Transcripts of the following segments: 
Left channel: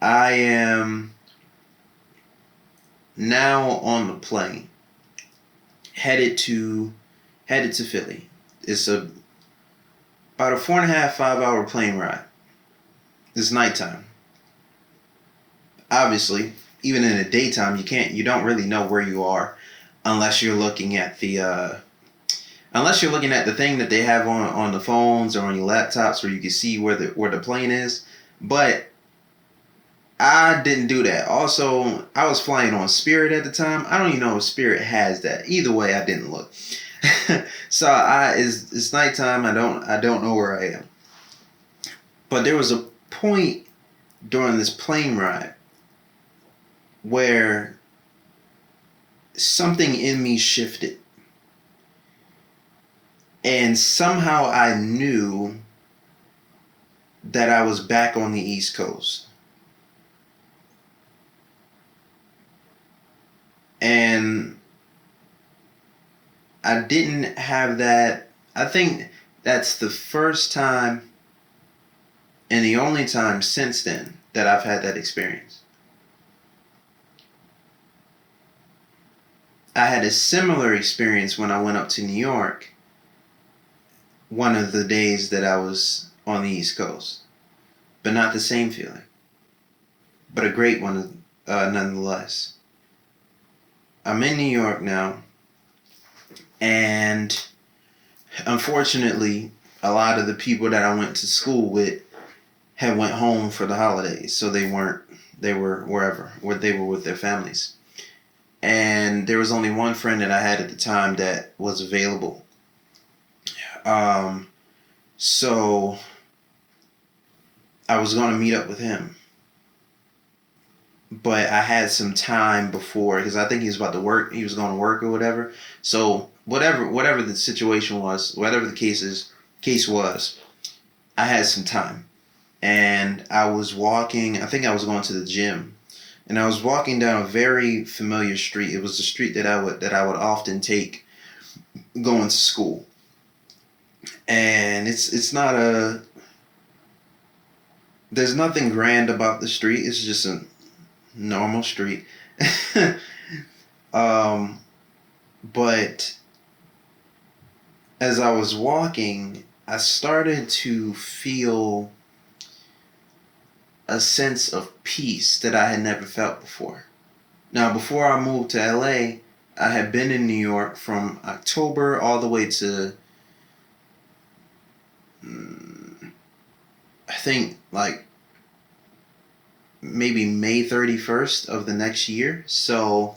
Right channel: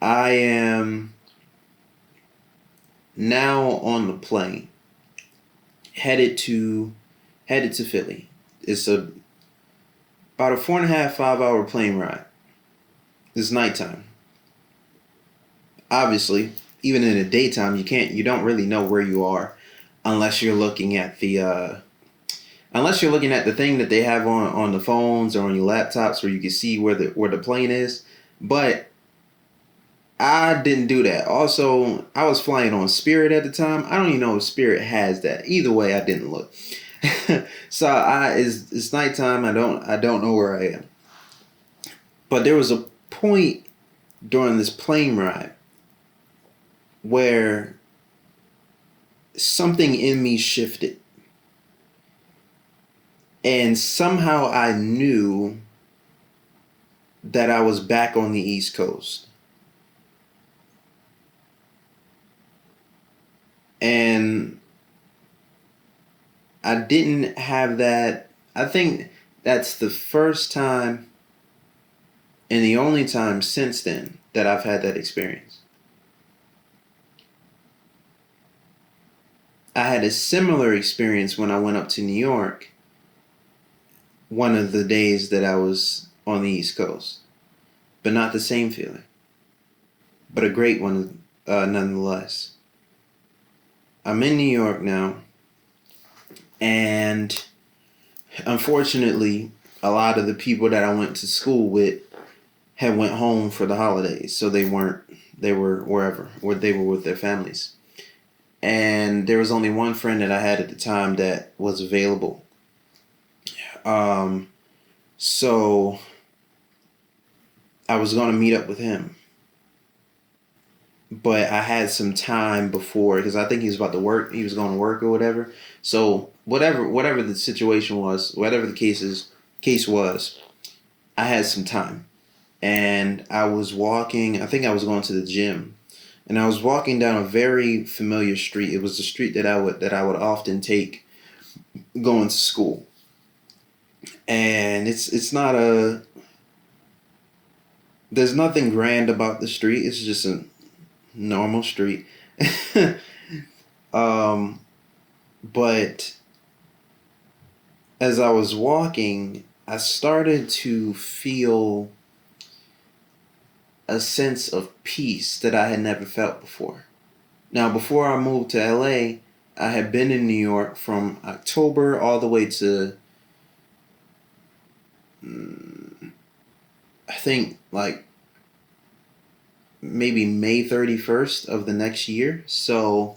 I am now on the plane headed to headed to Philly. It's about a 4.5 5 hour plane ride. It's nighttime. Obviously, even in the daytime, you don't really know where you are unless you're looking at the thing that they have on the phones or on your laptops where you can see where the plane is. But I didn't do that. Also, I was flying on Spirit at the time. I don't even know if Spirit has that. Either way, I didn't look. So it's nighttime. I don't know where I am. But there was a point during this plane ride where something in me shifted, and somehow I knew that I was back on the East Coast. And I didn't have that. I think that's the first time and the only time since then that I've had that experience. I had a similar experience when I went up to New York one of the days that I was on the East Coast, but not the same feeling, but a great one nonetheless. I'm in New York now, and unfortunately, a lot of the people that I went to school with had went home for the holidays, so they weren't. They were wherever, where they were with their families, and there was only one friend that I had at the time that was available. Um, so I was going to meet up with him, but I had some time before because I think he was about to work. He was going to work or whatever. So whatever the situation was, whatever the case was, I had some time, and I was walking. I think I was going to the gym, and I was walking down a very familiar street. It was the street that I would often take going to school, and it's not a. There's nothing grand about the street. It's just a normal street. um, but as I was walking, I started to feel a sense of peace that I had never felt before. Now, before I moved to LA, I had been in New York from October all the way to, I think, like maybe May 31st of the next year. So,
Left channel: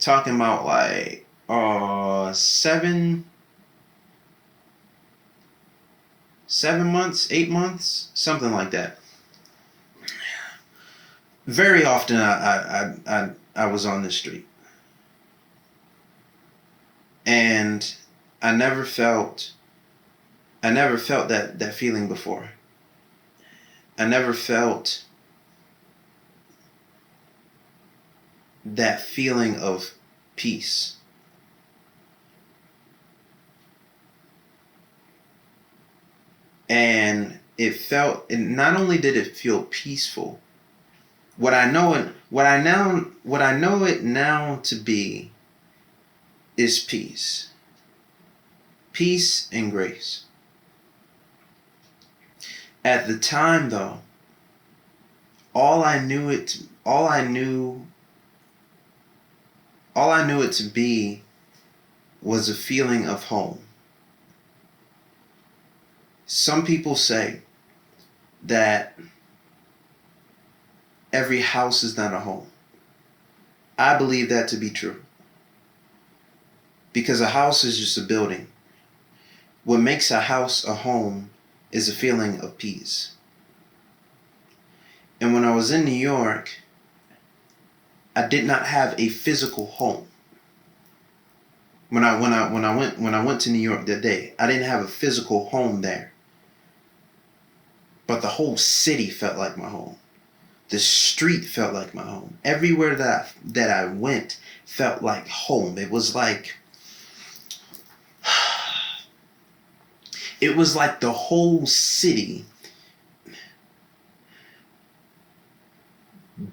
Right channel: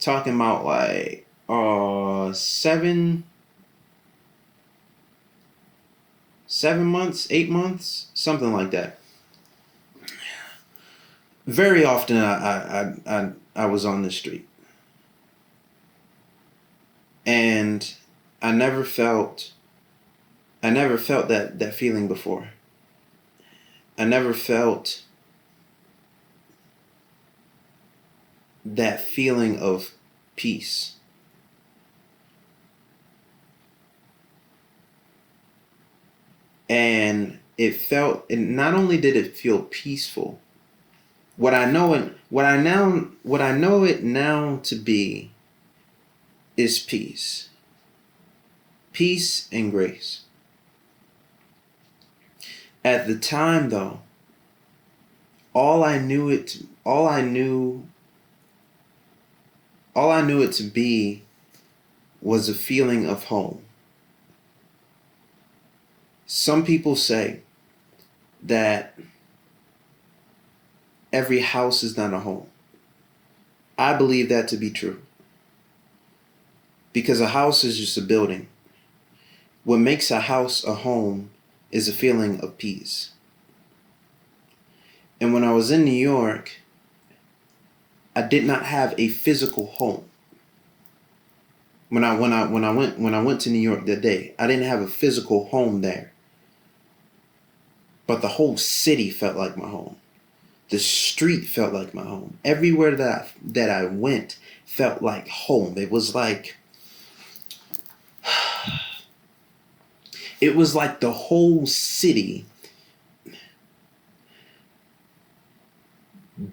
talking about like 7 months, 8 months, something like that. Very often I was on the street, and I never felt I never felt that feeling before. I never felt that feeling of peace. And and not only did it feel peaceful, what I know it now to be is peace. Peace and grace. At the time though, all I knew it to be was a feeling of home. Some people say that every house is not a home. I believe that to be true. Because a house is just a building. What makes a house a home is a feeling of peace. And when I was in New York, I did not have a physical home. When I went to New York that day, I didn't have a physical home there. But the whole city felt like my home. The street felt like my home. Everywhere that I went felt like home. It was like the whole city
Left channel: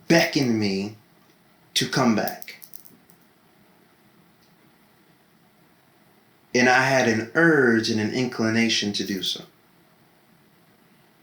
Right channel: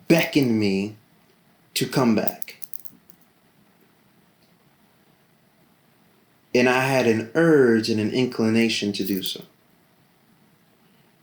beckoned me to come back. And I had an urge and an inclination to do so.